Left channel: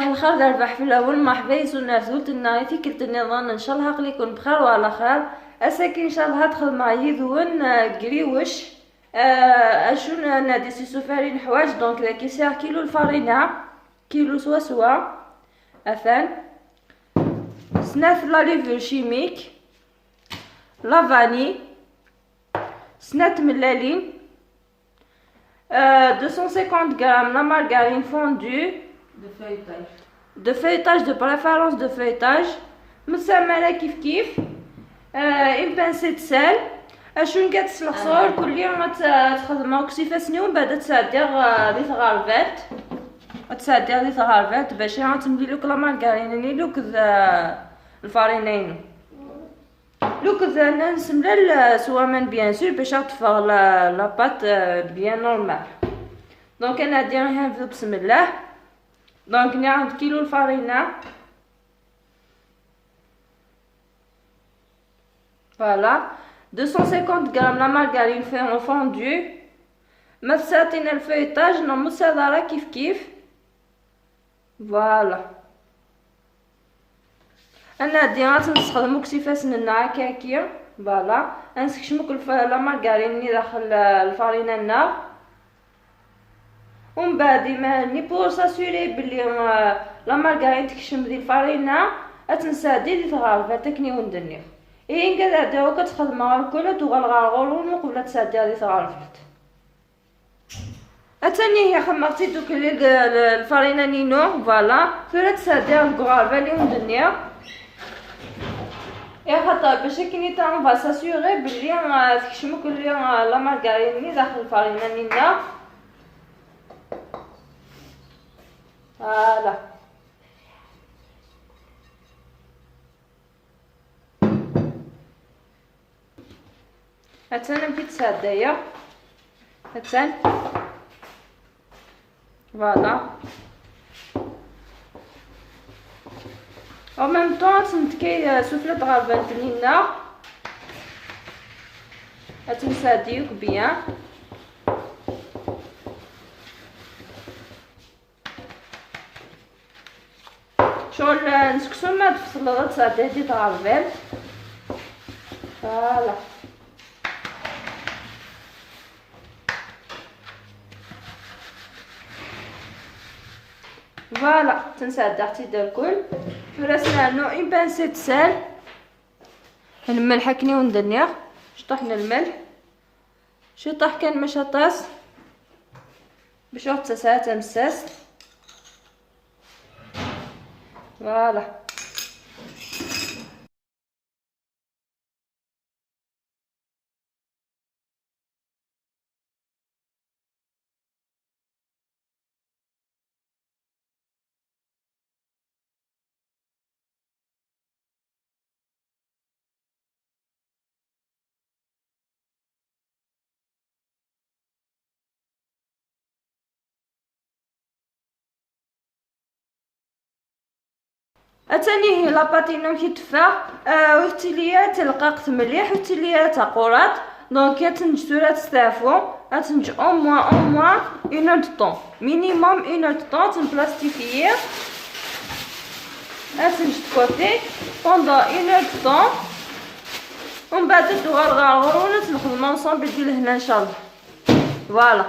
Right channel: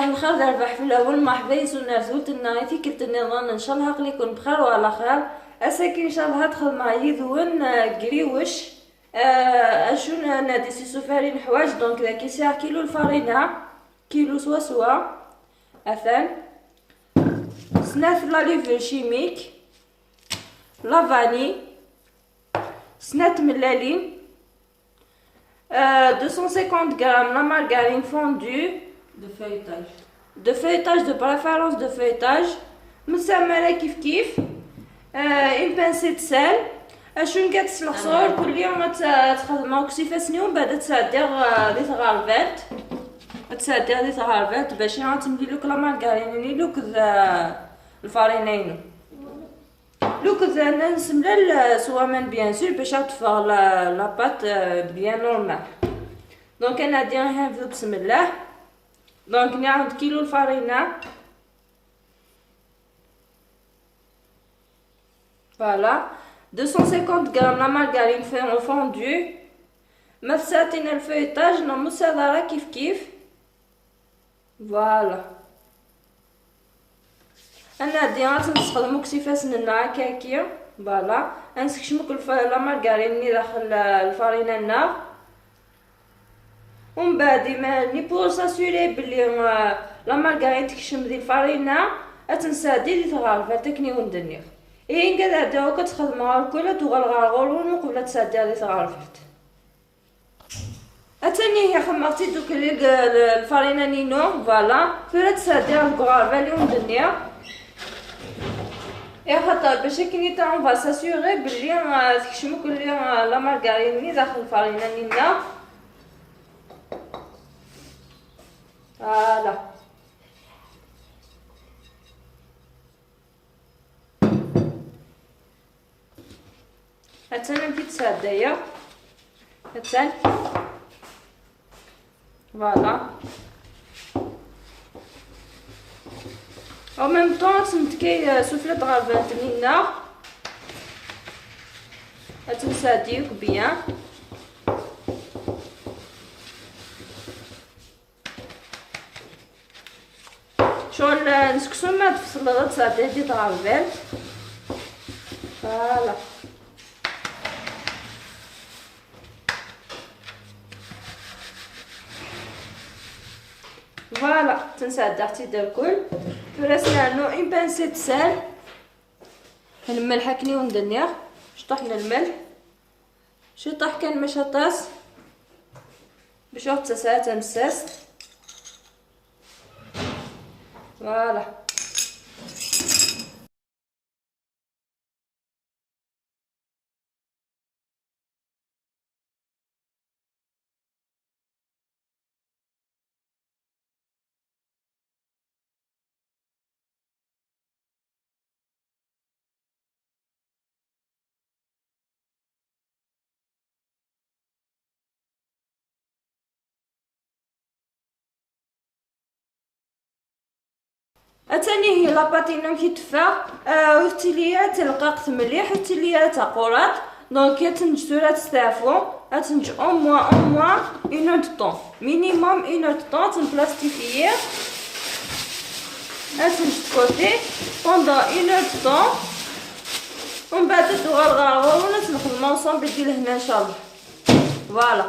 صباح الخير دار ربح في الاول مرحبا يسونا زولت النايتي كنت نظن ان شاء الله عقلي يكون بخير وعلى خير اساكي ان شاء الله هدخل معايا ذون قريوش اشون نادي سيسو فارين حوايج دونك ذاك يساع كيلو الفارينة كيلو سوا اثان سناف لا ليفر شيميك لافاني سنات ملالين 250 grammes la margarine fondue de feuilletage de préférence de feuilletage مسمرة كيف une pincée de sel اشون كتسل الخصور كل يوم تخدمها كسيفة سنين بعد تسادير دي تغارفات تسادير دي تغارفات باش تمديلوك لا مارغارين لوك الفارينين لوك نسملا سوامن بيان سور باش تفغ لا بات بيان نورمال دونك انا ديرها بسم الله دونك نعود كيلو الفارينة فوالا 250 غرام لا مارغارين فوندو مساتين الفيتاج نمسها كيف فوالا انا ديرات نستخدمو كسيفاس لنا هكاكيا فوالا نسكشمو لا مارغارين داخل الفارينة النار ومن بعد ني بور ساسوري بلي لا مارغارين تكشم ديال الفارينة اتنسادي دي تغرف تكني وندنيغ اين كدا داو كتخدمها كلها تغلغلغلون قبل تسادي دي تغرفات اتاني هي خمرتي دوك الفارينة نينو فوالا ثورة تسادي الكغارفة اللي وندنيغ خاطر باش كي تا فا ساسيوري بلي تكشمو كل لا مارغارين داخل الفارينة نينا فوالا هاتانا نبدا تسادايا هاتان فوالا او ميم طون تنتكي سوفلة غافات منا هتنساديوك بيان شغل نسكسو ما تفصل تسادي دي طغافات فوالا فوالا تنساد اختي دا الكل فراسنا نو اون بانسي د سال نملح كني وندنيغ شطحنا الملح شطح كان مش طاس باش تساسات مساس فوالا اتاني هي لاباطينا كي تفا ويتليا تلقاق مليح ويتليا تقورات دونك تنجسورات تستعفو تنج او موان اون اور دو طون مينيموم اون اور دو طون تنبلاستيفيي تنج كوتي بوندون اون اور دو طون ومن بعد تغرغر ونخدمو اونصومبل ديال هنا ان شاء الله فوالا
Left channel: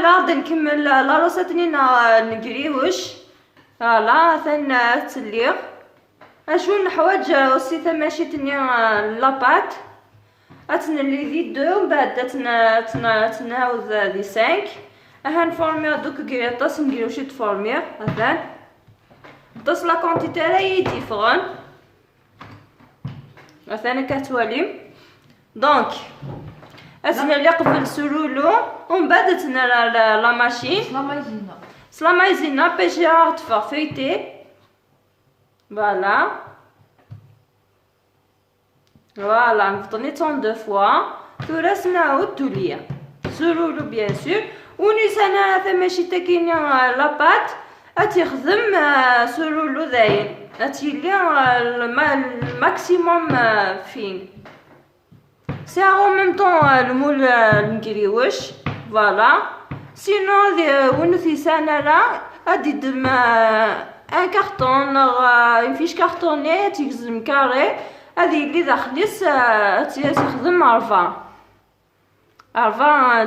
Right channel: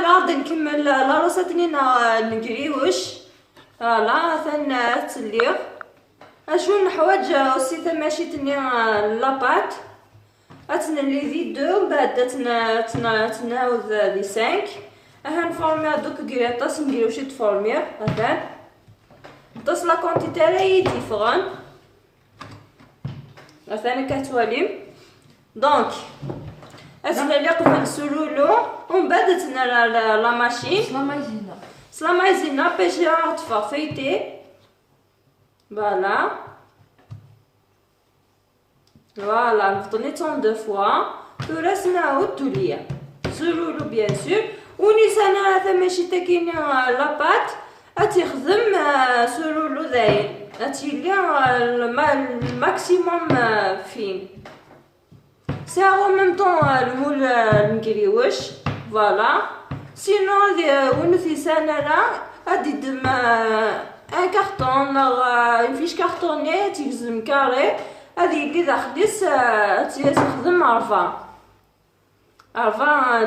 غادي نكمل لا روسيت نينا نقريوش فوالا ثان تسليغ اشون الحوايج اوسي تماشي تنيا لاباط اتنلي دي دو من بعد تناوز دي 5 نفورميو دوك كريطاس نديرو شي تفورميو هافان طاس لا كونتيتي راهي ديفرون مثلا كتواليم دونك اتنلي قبل سلولو ومن بعد تنا لا ماشين la maïzena باش تفا فايتي فوالا نفضلي طون دو فوا وراس نعاود توليا سلولو بيان سور ونيسانا ثماشي تاكينيا لاباط اتخدم سلولو داين اتيلي الماكسيموم فين سي او ميم طون المول نكريوش فوالا سينو وين في سنة غادي دير ان كارطون اون فيش كارطوني تيكزم كاري، هادي اللي داخليس تخدم 40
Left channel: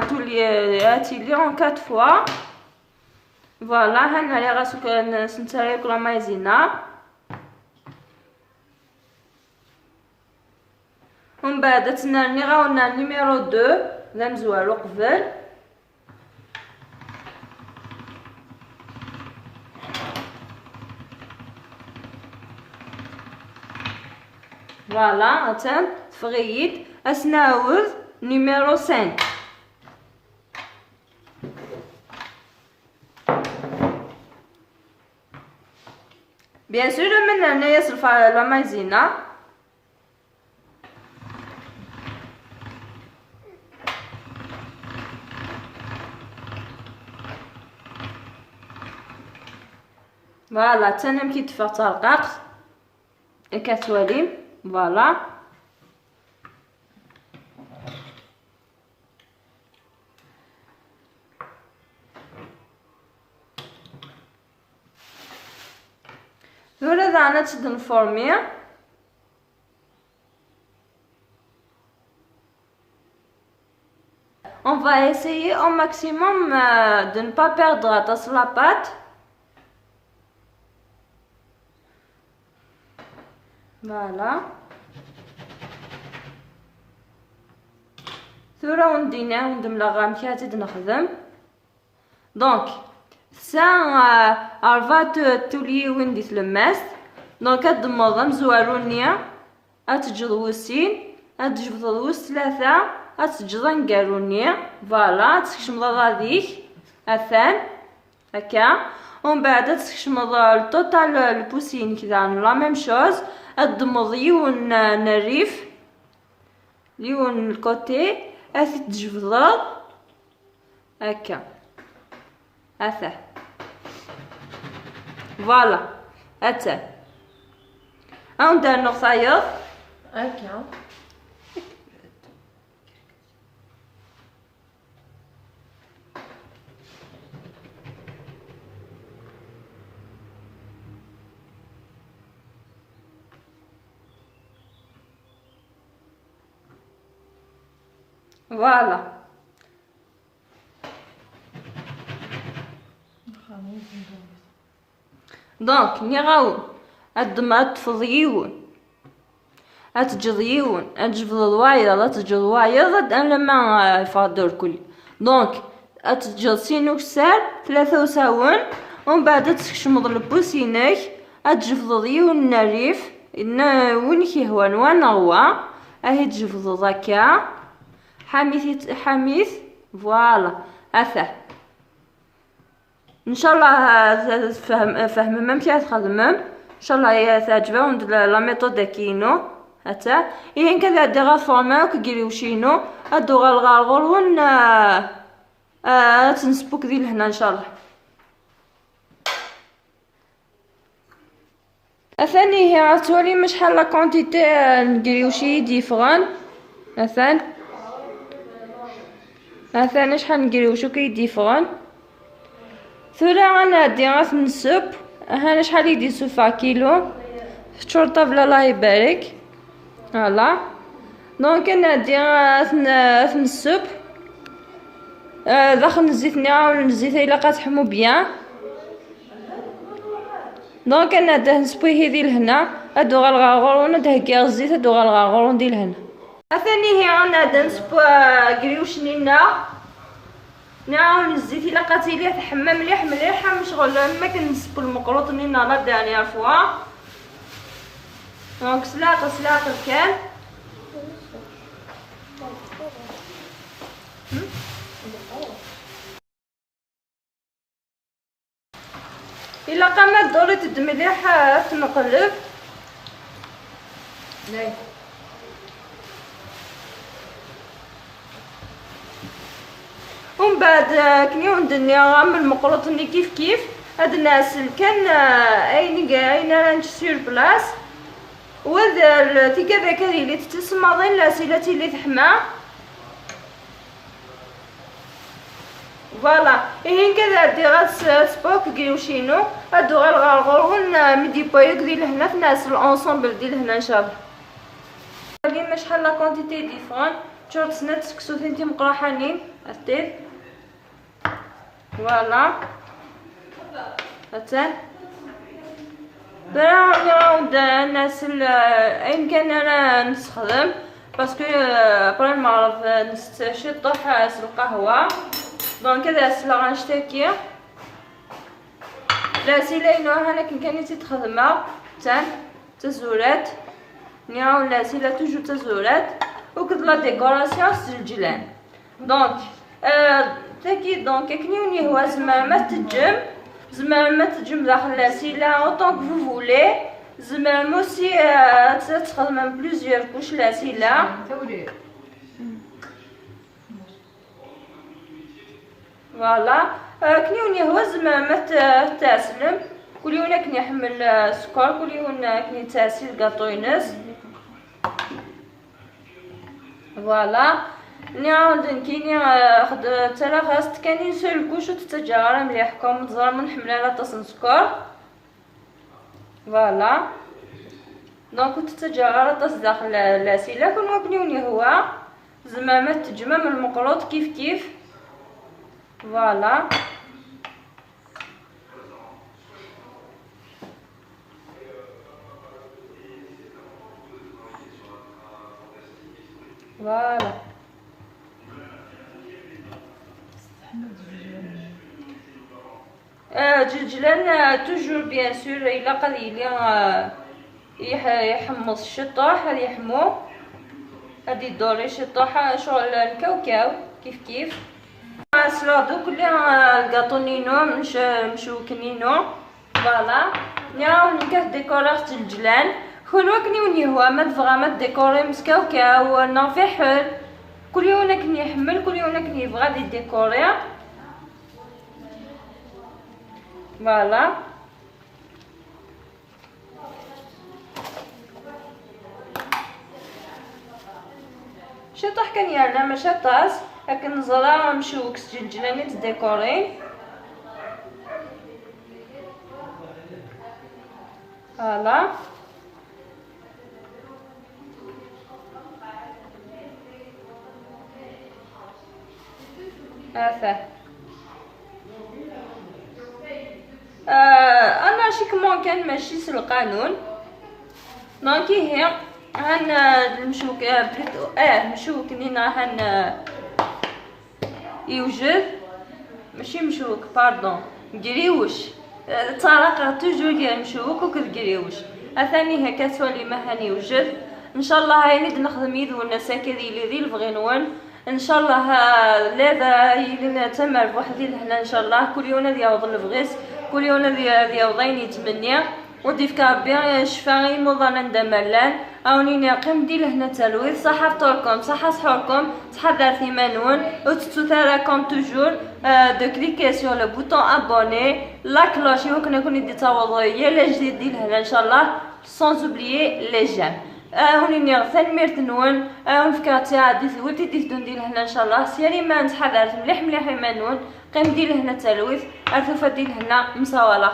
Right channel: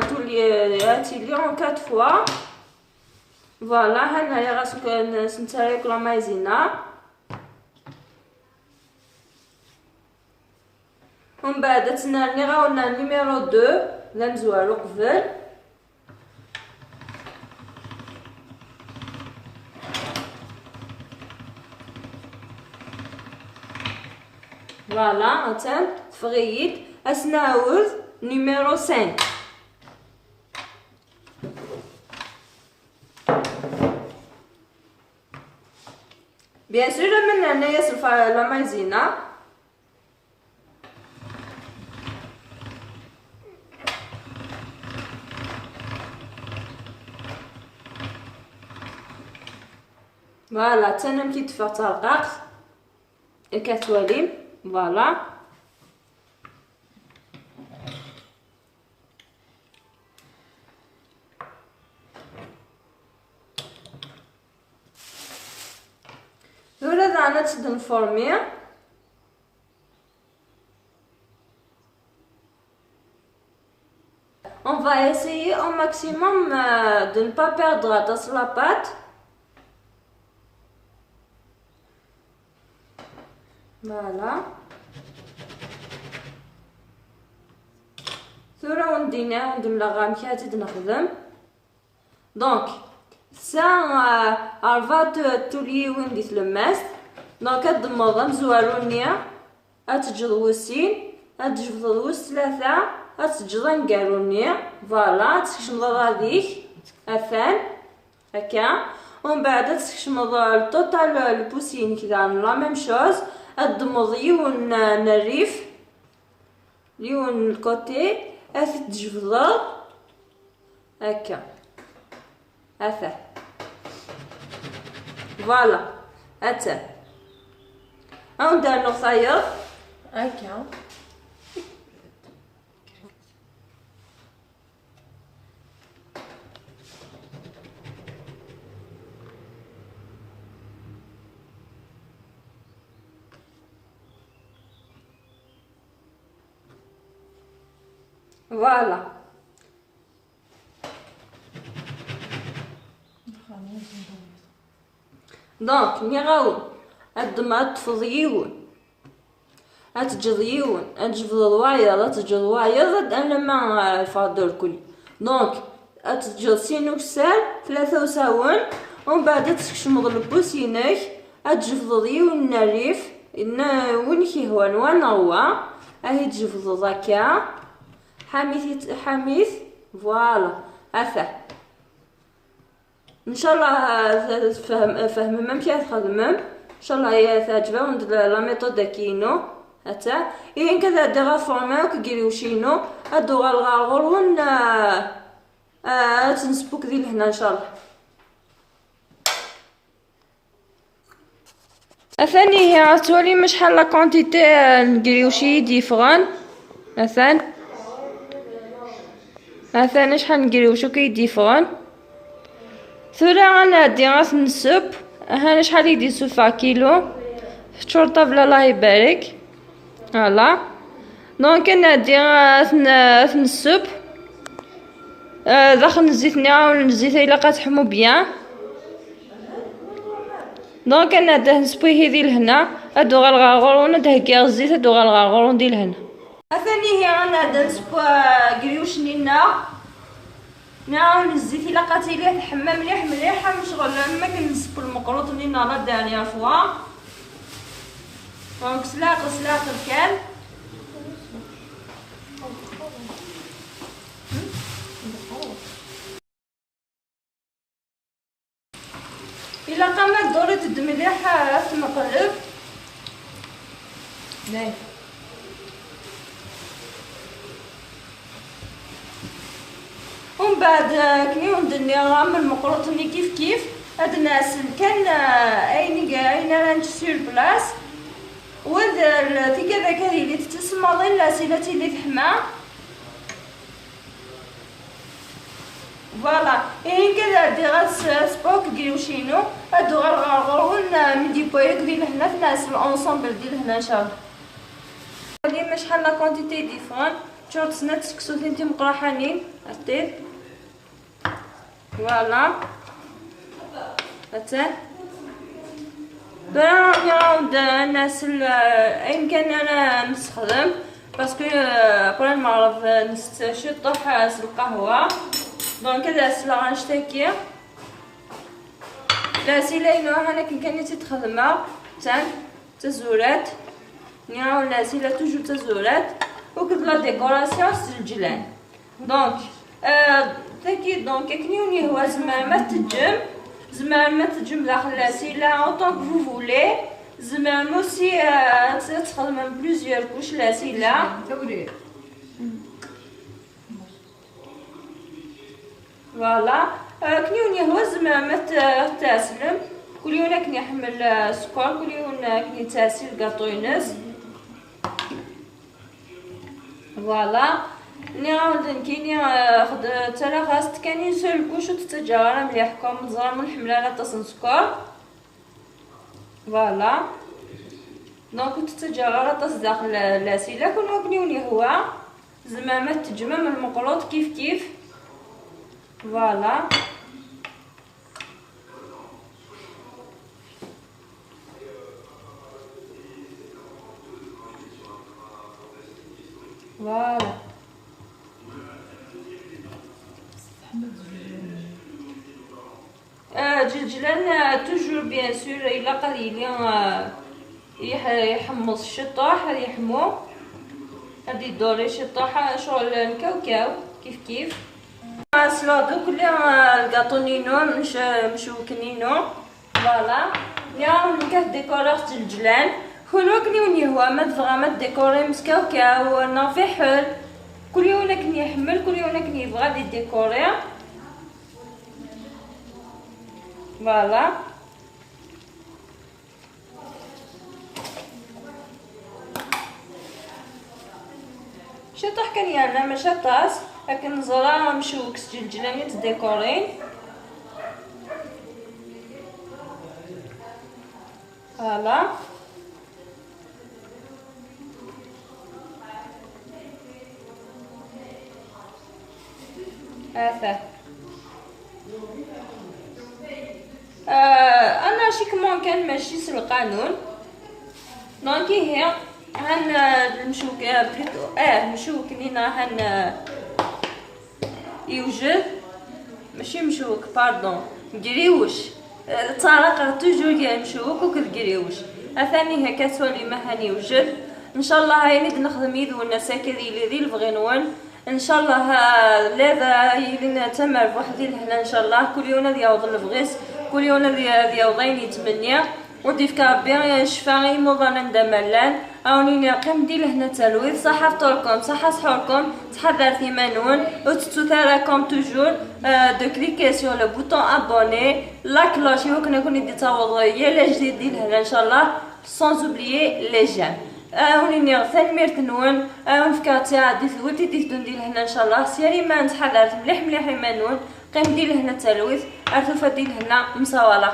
تولي اون 4 فوا. فوالا هنايا غاسك نسنتريك لا مايزينا، ومن بعد تناني غاولنا نيميرو 2 لا نزوالو قبل. فوالا مثلا تفغيد اسناوذ نيميرو 5. بيان سور من هنايا صفا لا مايزينا، فوالا تنم كي تفا ترقاق كتوالي. فوالا هذا انا تشد نفورمي. On va essayer au maximum de ne pas perdre dans la pâte. Voilà. ثورة وندينا وندملا غامكي تزيد نخدم. دونك سا عرفات تولي وين ديت الماس. دونك هاد الموضة زوالونيا اتجوسين اتجفضوس 3 اتجضن قالونيا. فوالا تكشمض غاديك اثان هكا، ومن بعد تكشمض التوتال البوسين كذا لا ميم شوز. ادمض يون نريف يون الكوتي اثي تجفض هكا هثا. فوالا هتا ندير نخيط هكا. فوالا دونك مي غاو الدم تفضيون اتجضيون اتجفض وايض اتجض وايض انا ما فادر كل. دونك اتجض سينو كسال 3 وساون، ومن بعد تكشمض البوسينك اتجفض يون نريف وين كيهوان وانا هو اهي تجفض هكا حميث. فوالا هثا ان شاء الله فهم ممشي تخدمم ان شاء الله هي تعجبهم لا ميثود كينو هتا ين كذا دغا فورما كيريو شينو ادو غالغور ون تنسبوك ذي لهنا ان شاء الله. اثاني هي عتولي مش شحال لا كونتيتي نكريوشي ديفغان مثلا شحال نكريوشو كي ديفغان. ثورا غنادي غتنسب هانا شحال يدي 7 كيلو شرطة بلا الله يبارك. فوالا دونك نادي غتنسب داخل الزيت نعاون الزيت الا كتحمو بيان. دونك انا نسبويه هذي لهنا هادو غالغارغور تهكي الزيت هادو غالغارغور ندير لهنا. ثاني هي غنادي نسبو كريوش نينا نعاون الزيت الا قاتيليه تحمى مليح مليح مشغل ما كنسبو المقروط نينا لا دانيير فوا. دونك سلاطه كان الا قامت دوري تد مليح تنقلب. ومن بعد كنيو ندنيا غام المقروط ني كيف هاد الناس كان اين رانج سير بلاص وهذا تيكا كذي اللي تتسمى لا سيلاتي اللي تحمى. فوالا إيه كذا دي غاس سبوك كيوشينو هادو غير غارغور ميدي بايك دي لهنا في ناس الانصومبل دي لهنا ان شاء الله. هادي شحال لا كونتيتي ديفرون تشوف سنات سكسو تنتي مقراحانين أتيت فوالا أتان دابا نعاود الناس أين كان أنا نستخدم باسكو بغي نعرف نستشطح القهوة دونك هذا السلا غنشتكي لا سيلا ينوها انا كان تخدمها تاع تزورات نياو لا سيلا توجو تزورات وكد لا ديكوراسيون الجلان دونك تاكيد دونك كنيوني هو زعما ما تجم داخل لا سيلا اونطون كو فو فولي زعما موسي تخدم بلوزيور كوش لا سيلا فوالا كنيوني هو زعما تاسلم كل يوم كني يحمل سكر كل يوم كني تاسل كاطوينس فوالا نعاود كيني خد ترى خاص كاني سول كوش وتتجاهر مليحكم زرا من حمل على طاس سكر فوالا دونك تتجاهر طاس داخل لاسيلا كل كنيوني هو زعما ما تجمع من المقلوط كيف فوالا فوالا جلجلان توجور بيان سور الا قليل يحمص الشطاح هذا يحمو هادي الدوري شطاح شغل الكاوكاو كيف سلادو كلي الكاطونينو مشوكنينو فوالا نياو نكات ديكورات الجلان كونو كنيوني هو ما تفغا ديكوري مسكاوكاو نافحل كل يوم كني يحمل كل يوم كني يبغى دي ديكوري فوالا شطح كان يانا ما شطاس لكن زرا مشوك سجلجلاني تديكورين فوالا هذا انا شيكمون كان ماشي في القانون دونك هي هن المشوك بليتو مشوك لينا هن يوجد ماشي مشوك باردون قريوش طارق توجور مشوك وكتقريوش اثاني هكا تولي ما هني يوجد ان شاء الله هاي ند نخدم يدو الناس هكذا اللي البغينون ان شاء الله لا يلنا تمر بوحدي لهنا ان شاء الله كل يوم ذي يوض البغيس كل يوم ذي يوضين يتمنى وديف كابي شفاغي موضنا ندملان اوني نقيم دي لهنا تلويث صحة فطوركم صحة سحوركم تحضر ثمانون وتتوثركم توجور دو كليكي سور لو بوطون ابوني لا كلوش يمكن يكون يدي توضية لجديد دي لهنا ان شاء الله سانز اوبليي لي جيم وني ثاني ميرتنون ونفكاتي عادي ثولتي ديثدون دي لهنا ان شاء الله سيري ما نتحضرت مليح مليح يمانون قيم دي لهنا تلويث ارثوفا دي لهنا مساوالخ